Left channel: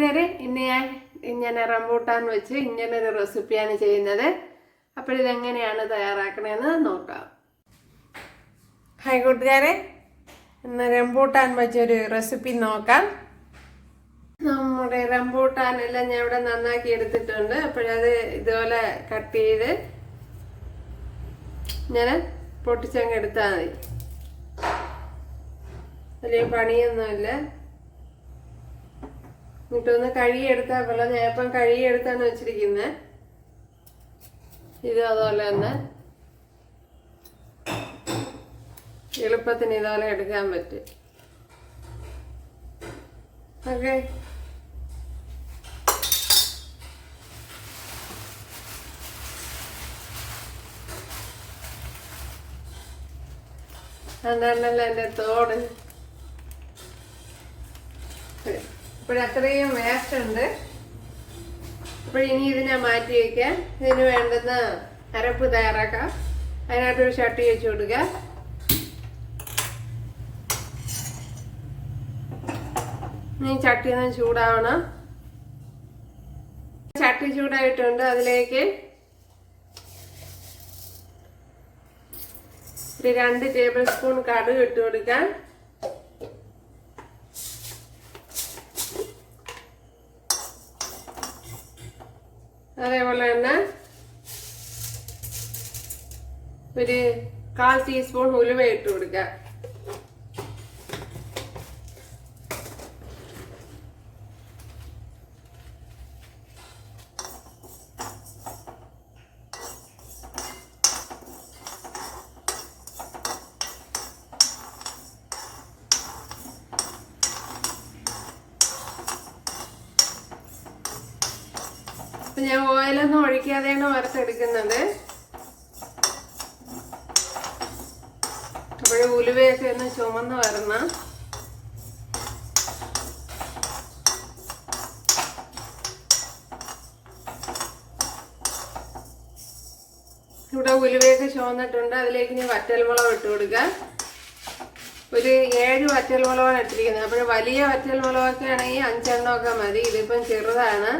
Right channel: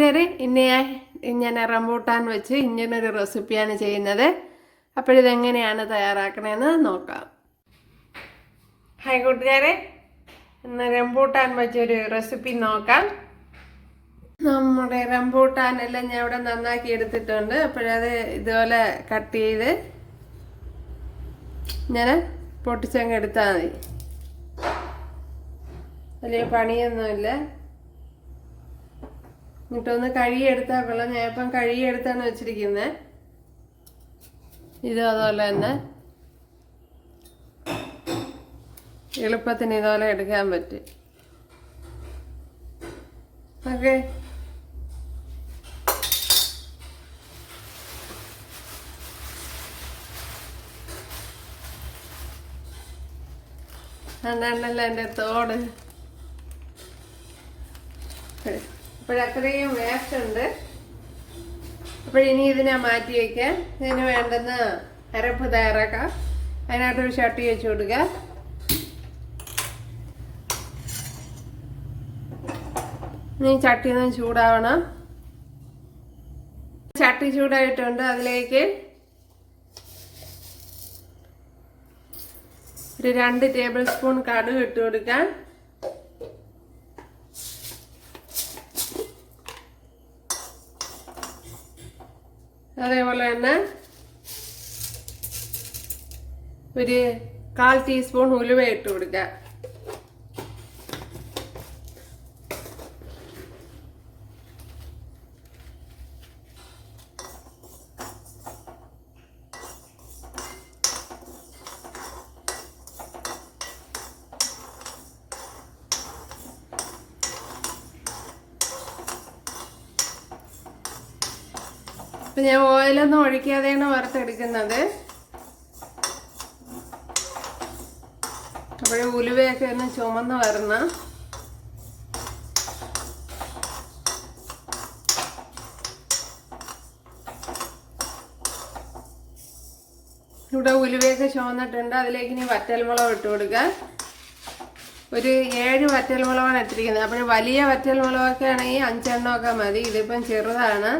ഇന്ന് ഞാൻ റംബൂട്ടാൻ വെച്ച് ഇങ്ങനൊരു റെസിപ്പിയാണ് ചെയ്യുന്നത്. അപ്പോഴിതെങ്ങനെയാണ് തയ്യാറാക്കണതെന്ന് നോക്കാം. ഹായ് കൂട്ടുകാരെ, ഇന്ന് റംബൂട്ടാൻ വെച്ചൊരു റെസിപ്പി നോക്കാം. നമ്മുടെ റംബൂട്ടാനെല്ലാം ഞാൻ ഇവിടെ നന്നാക്കി എടുത്തിട്ടുണ്ട്. അപ്പോഴത് ഇതുപോലെ കട്ട് ചെയ്ത് ഞാൻ പൊട്ടിച്ചങ്ങ് എടുത്താൽ മതി. വലിയ പണിയൊന്നുമില്ല. എന്നിട്ടൊന്ന് കഴുകിയെടുത്താൽ കൊള്ളാം. ഞാൻ ഇപ്പം കഴുകിയെടുത്താണ് വെച്ചിരിക്കുന്നത്. ഇതും അതുപോലെ തന്നെ എളുപ്പത്തിന് ഇതുപോലെ എടുക്കാൻ പറ്റും. ഓക്കെ, അതാണല്ലോ എൻ്റെ തോട്. അപ്പോഴത്രയും വേസ്റ്റ് ഉണ്ട്. അപ്പോഴിനി ഇതിനെ മാറ്റി വയ്ക്കാൻ ഇതിന് വേണ്ടുന്ന അരപ്പ് തയ്യാറാക്കാം. അതിനകത്തൊരു ചട്ടി വെച്ച് കൊടുക്കുക. ഇനി ചട്ടി ഒന്ന് ചൂടാവണം. ചട്ടി ചൂടായിട്ടുണ്ട്. അതിലേക്ക് ഒരു 2 ടേബിൾ സ്പൂൺ കടുക് ഇട്ട് കൊടുക്കാൻ. അതേപോലെ തന്നെ ഒരു 1/4 ടീസ്പൂൺ ഉലുവ ഇട്ട് കൊടുക്കുക. അപ്പം ഞാൻ ഓയിലൊന്നും ഒഴിക്കാതെയാണ് വറുത്തെടുക്കുന്നത്. അപ്പോൾ ഉലുവയൊക്കെ ഒന്ന് ചുമന്ന് വരണം. ഇവിടെ ഉലുവയൊക്കെ ചുമന്നിട്ടുണ്ട്. അതിലേക്ക് ഇനി വറ്റൽമുളക് ഇട്ട് കൊടുക്കുക. ഒരു 7 വറ്റൽമുളകാണ് ഇട്ടിരിക്കുന്നത്. അപ്പോൾ വലിയ വറ്റൽമുളകൊക്കെ ആണെങ്കിൽ 5 എണ്ണമൊക്കെ മതി. ഇതിപ്പം ചെറുതാണ്.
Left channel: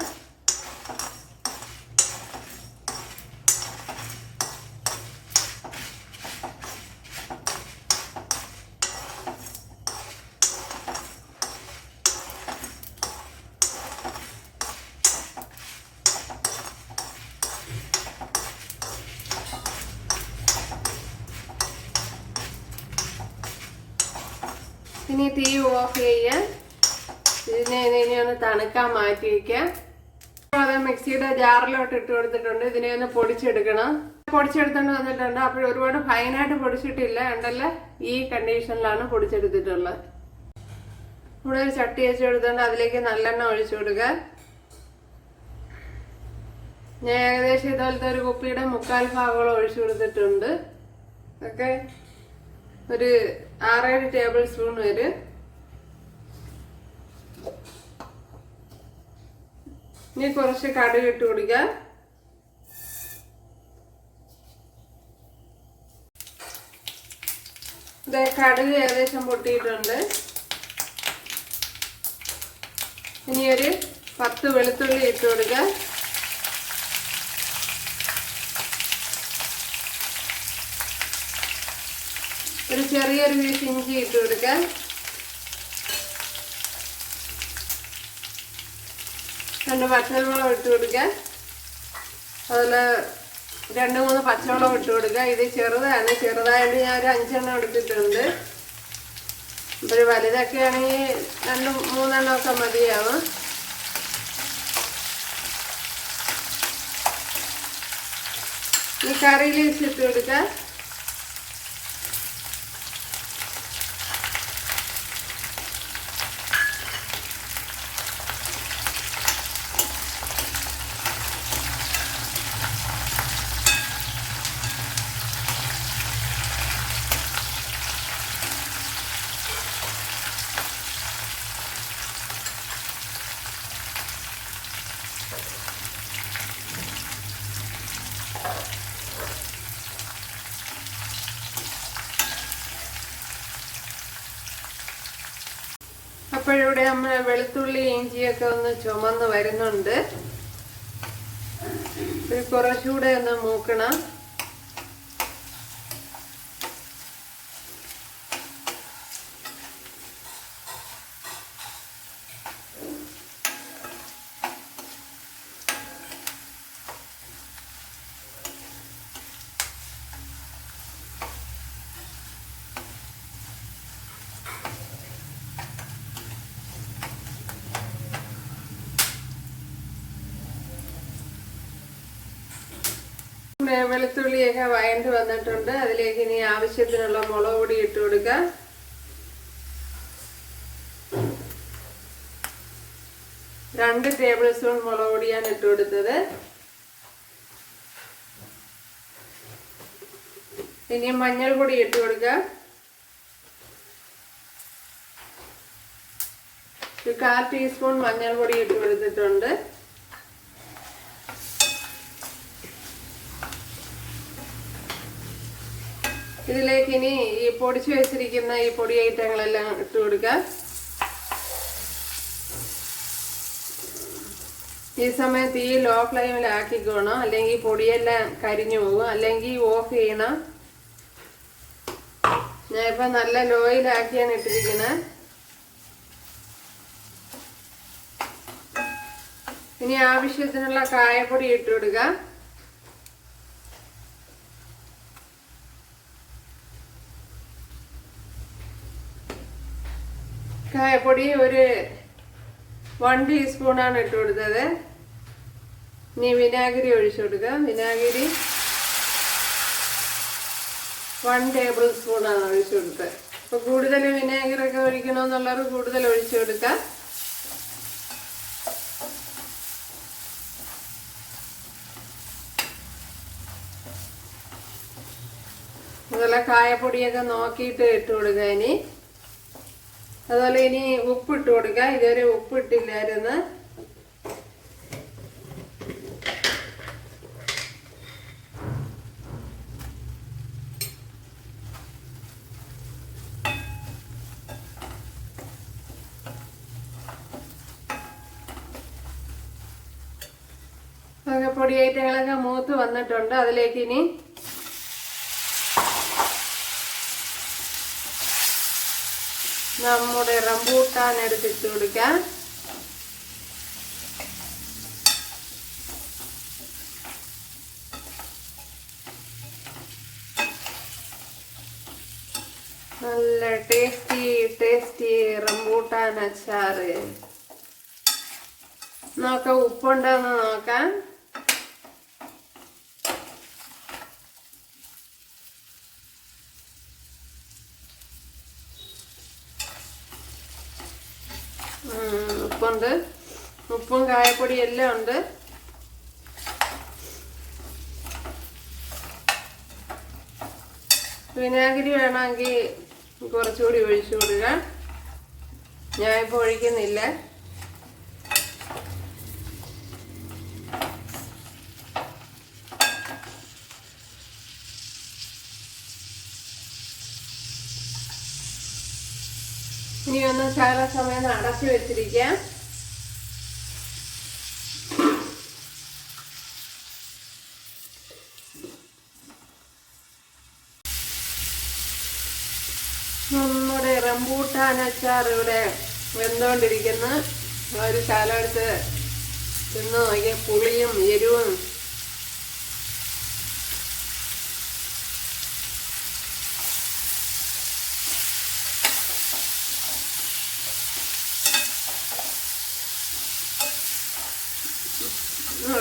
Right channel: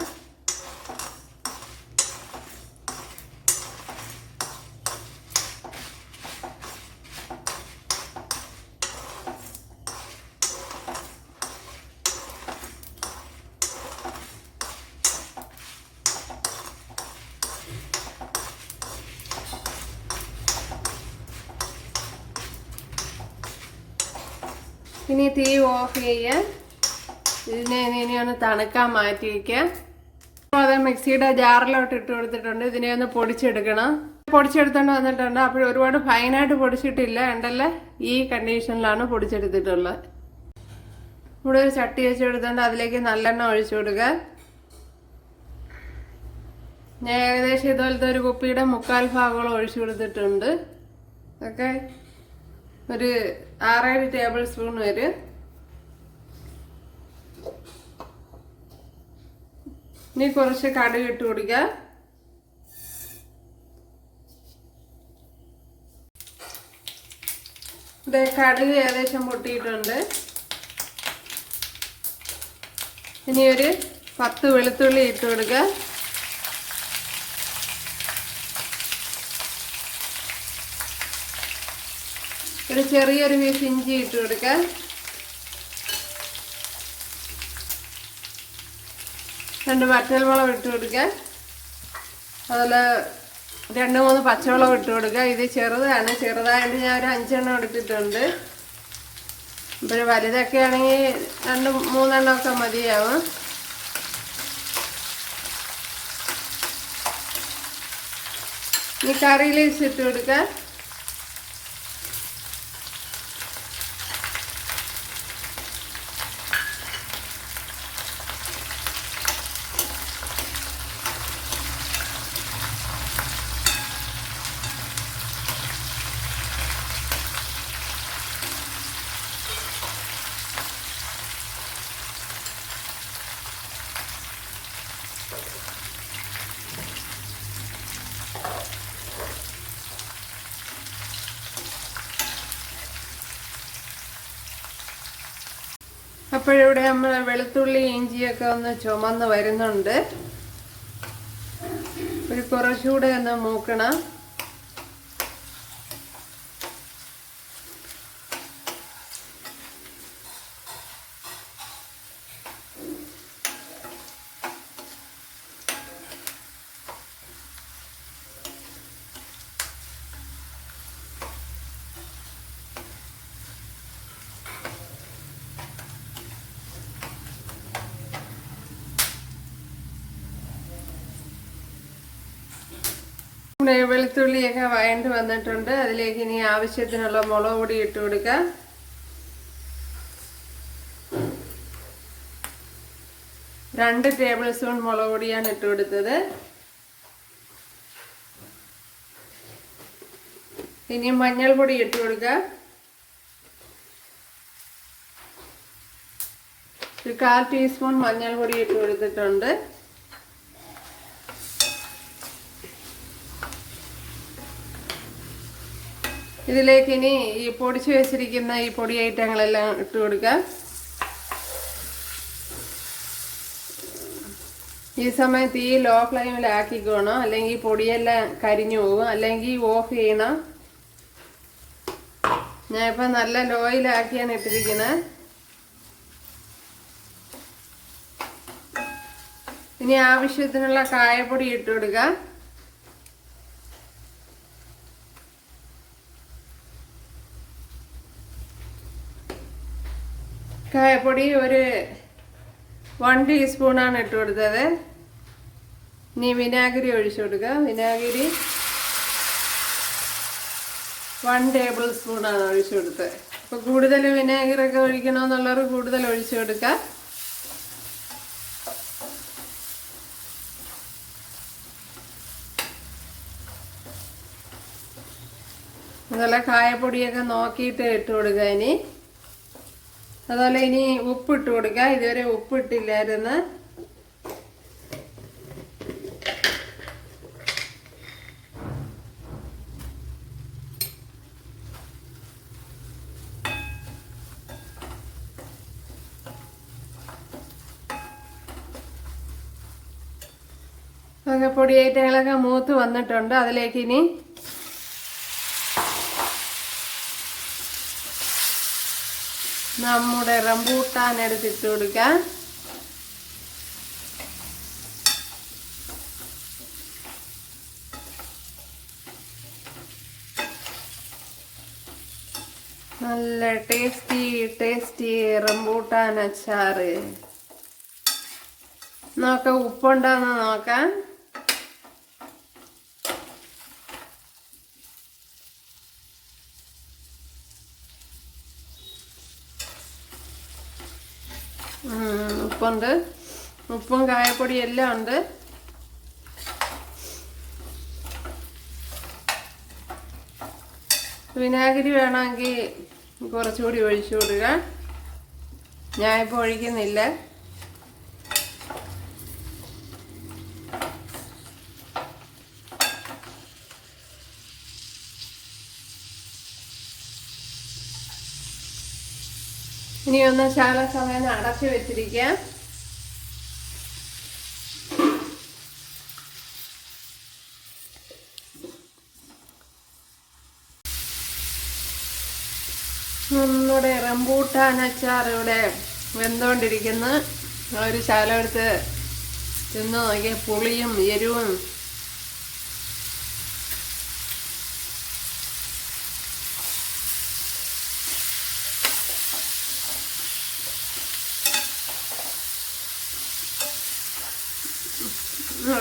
ഇനി തീ ഓഫ് ചെയ്യാൻ ഇതിനെ ഇനി ഒന്ന് തണുക്കാൻ മാറ്റി വയ്ക്കാം. അത് മിക്സിയുടെ ജാറിലോട്ട് ഇട്ട് കൊടുത്തിട്ടുണ്ട്. ഇതിനെ ഒന്ന് പൊടിച്ചെടുക്കണം. പൊടിച്ചെടുത്തോണ്ട് വന്നിട്ടുണ്ട്. അപ്പോൾ ഒരുപാട് ഫൈനായിട്ട് പൊടിച്ചിട്ടില്ല. ഉണ്ടല്ലേ, ഈ കണ്ടീഷനിലാണ് പൊടിച്ചെടുത്തിട്ടുള്ളത്. ഇവിടെ ഒരു ചട്ടി വെച്ച് കൊടുത്തോണ്ട് അതിലേക്ക് നല്ലെണ്ണ ഒഴിച്ചു കൊടുക്കുക. ഞാൻ ഏകദേശം ഇതുപോലത്തെ ഒരു കുപ്പിയുടെ 3/4 ഭാഗത്തോളം ഒഴിച്ചു കൊടുത്തിട്ടുണ്ട്. ഓക്കെ, ഒരു 6-7 ടേബിൾ സ്പൂൺ വരും. ഇനി കുറച്ച് കടുക് ഇട്ട് കൊടുക്കുക. കടുക് ഏകദേശം പൊട്ടിയിട്ടുണ്ട്. ഇനി ഒരു 10 വെളുത്തുള്ളി ഇട്ട് കൊടുക്കുക. ഒരു ചെറിയൊരു പീസ് ഇഞ്ചി ഇട്ട് കൊടുക്കുക. രണ്ട് പച്ചമുളക് ഇട്ട് കൊടുക്കുക. അതുപോലെ 2-3 പച്ചമുളക് ഇട്ട് കൊടുക്കുക. ഇത് ചെറുതാണ്. ചെറുതായിട്ട് ഞാൻ ഒരു 5 എണ്ണം എടുത്തിട്ടുണ്ട്. ഇതൊരു വലുതൊക്കെ ആണെങ്കിൽ 2-3 എണ്ണമൊക്കെ മതിയാവും. ഈ കറി ലീവ്സ് ഇട്ട് കൊടുക്കുക. അപ്പോഴിവിടെ നമ്മൾ വെളുത്തുള്ളി ഇഞ്ചിയൊക്കെ ഒന്ന് ചുമന്ന് വരുന്നുണ്ട്. കുറച്ചുകൂടെ ഒന്ന് മൂക്കണം. വെളുത്തുള്ളിയൊക്കെ വഴണ്ട് വന്നിട്ടുണ്ട്. അതിലേക്ക് ഇനി ആവശ്യത്തിനുള്ള മുളക് പൊടി ഇട്ട് കൊടുക്കുക. രണ്ട് ടേബിൾ സ്പൂൺ മുളക് പൊടിയാണ് ഇട്ട് കൊടുത്തത്. ഇനി മഞ്ഞൾപ്പൊടി ഇട്ട് കൊടുക്കുക. 1/4 ടീസ്പൂൺ മഞ്ഞൾപ്പൊടി ഇട്ട് കൊടുത്തിട്ടുണ്ട്. ഇതിലേക്ക് ഇനി ഈ പൊടിച്ചു വെച്ചിരിക്കുന്ന ഈ പൊടി ഐറ്റങ്ങളെല്ലാം ഇട്ട് കൊടുക്കുക. ഈ സമയത്ത് ഈ ലോ ഫ്ലെയിമിലാക്കിക്കോണം, അല്ലെങ്കിൽ പൊടിയെല്ലാം കരിഞ്ഞു പോകും. അല്ലെങ്കിൽ ഓഫ് ചെയ്യണം. ഞാൻ ഇപ്പം നല്ല ലോയിലാക്കിയാണ് ഇട്ടിരിക്കുന്നത്. ഇനി ആവശ്യത്തിനുള്ള കായപ്പൊടി ഇട്ട് കൊടുക്കുക. കായപ്പൊടി ഒരു 1 ടീസ്പൂണാണ് ഇട്ട് കൊടുത്തത്. ഇനി വിനാഗിരി ഒഴിച്ചു കൊടുക്കുക. വിനാഗിരി 1 ടേബിൾ സ്പൂണാണ് ഒഴിച്ചു കൊടുത്തത്. അപ്പോൾ കൂടുതൽ വിനാഗിരിയൊക്കെ ഒഴിക്കണമെന്നുള്ളവർ കൂടുതൽ ഒഴിച്ചു കൊടുക്കുക. അതുപോലെ കായപ്പൊടിയൊക്കെ നോക്കിയിട്ട് ഇട്ട് കൊടുക്കുക. ഇനി അതുപോലെ ഇനി ഉപ്പിട്ട് കൊടുക്കുക. ഇതുവരെ ഉപ്പിട്ടില്ലായിരുന്നു. പൊടി ഐറ്റങ്ങളൊക്കെ മൂത്ത് വന്നിട്ടുണ്ട്. അതിലേക്ക് ഇനി നമ്മുടെ റംബൂട്ടാൻ എടുത്തിട്ട് കൊടുക്കാം. നല്ല ടേസ്റ്റി റംബൂട്ടാൻ അച്ചാറ്. നോക്കാം ഉപ്പുണ്ടോന്ന് നോക്കാം. ഉപ്പുണ്ട്. ഉപ്പും കായപ്പൊടി എല്ലാം ഉണ്ട്. വിനാഗിരി വേണമെങ്കിൽ കുറച്ചുകൂടി ഒഴിച്ചു കൊടുക്കുക. ഞാനിപ്പോൾ ഒഴിക്കുന്നില്ല. ഇനി ഒന്ന് ശകല സമയം അടച്ചു വെച്ചിരിക്കാം. നമ്മുടെ റംബൂട്ടാൻ അച്ചാർ ഇവിടെ വെന്തുകൊണ്ടിരിക്കുന്നു. ഒരു ശകലം എടുത്ത് തിന്ന് നോക്കിയ പുളിയും എരിവും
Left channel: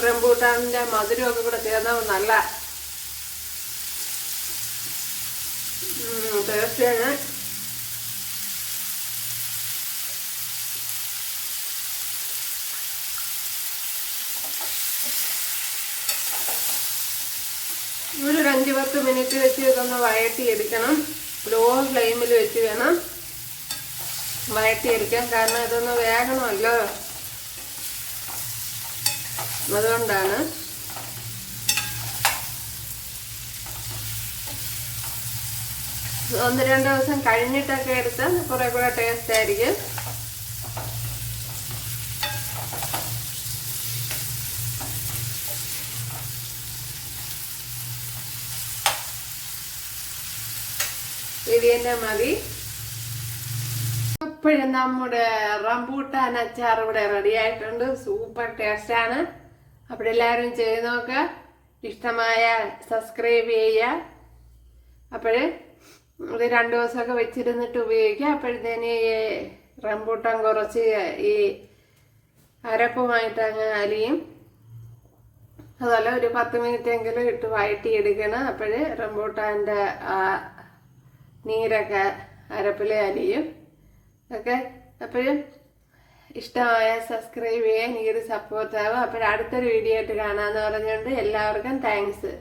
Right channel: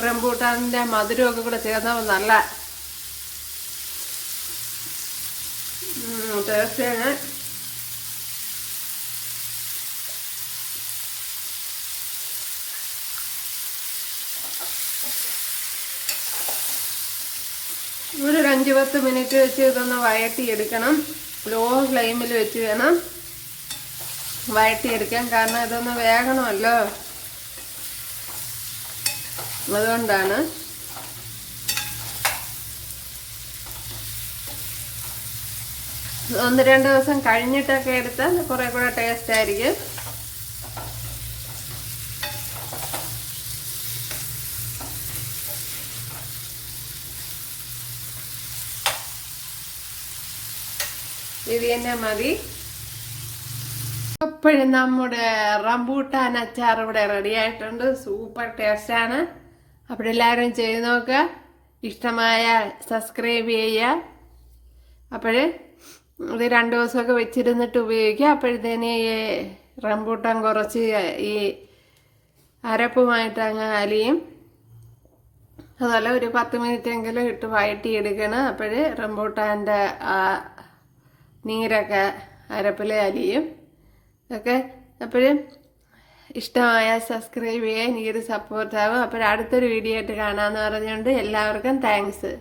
റംബൂട്ടാനിന്റെ മധുരമൊക്കെ കൂടെ ചേർന്നപ്പോൾ നല്ല ടേസ്റ്റാണ്. ഒരു 5-10 മിനിറ്റ് വെച്ച് ഇതൊന്ന് വഴറ്റിയെടുക്കണം. ലോ ഫ്ലെയിമിൽ വെച്ച് വേണം വഴറ്റിയെടുക്കാൻ. കാരണം ഇതൊന്ന് വേകണമല്ലോ, അതുകൊണ്ടാണ്. ഒന്ന് രണ്ട് ദിവസം കഴിഞ്ഞിട്ടൊക്കെ എടുത്താൽ കുറെ കൂടെ ടേസ്റ്റ് ആയിരിക്കും. ഇൻഗ്രീഡിയൻ്റ് മതി. അപ്പോഴും നമ്മുടെ റംബൂട്ടാൻ അച്ചാർ ഇവിടെ റെഡി ആയിട്ടുണ്ട്. സൂപ്പർ ടേസ്റ്റാണ്. അപ്പോഴെല്ലാവരും ചെയ്ത് നോക്കുക. ഇഷ്ടമായ സബ്സ്ക്രൈബ് ചെയ്യുക. അപ്പോൾ ഇത് 2 ദിവസമൊക്കെ വെച്ചിരുന്നിട്ട് ഉപയോഗിക്കുക. അപ്പോഴത്തേന് ഈ റംബൂട്ടാൻ കുറച്ച് ഈ അരപ്പുമായിട്ട് അങ്ങ് അലിയും. അതുപോലെ ഒരു 10 മിനിറ്റെങ്കിലും ഇട്ട് വഴറ്റിയെടുക്കണം. അപ്പോൾ റംബൂട്ടാൻ്റെ ആ നീരൊക്കെ അരപ്പിൽ അലിയും ഒക്കെ. അപ്പോഴും ഇഷ്ടമായ സബ്സ്ക്രൈബ് ചെയ്യാൻ എനിക്കൊരു സപ്പോർട്ടാകും. അപ്പോൾ അടുത്തൊരു വീഡിയോ ആയിട്ട് കാണാമെന്ന് പറഞ്ഞുകൊണ്ട് എല്ലാവർക്കും താങ്ക്സ്.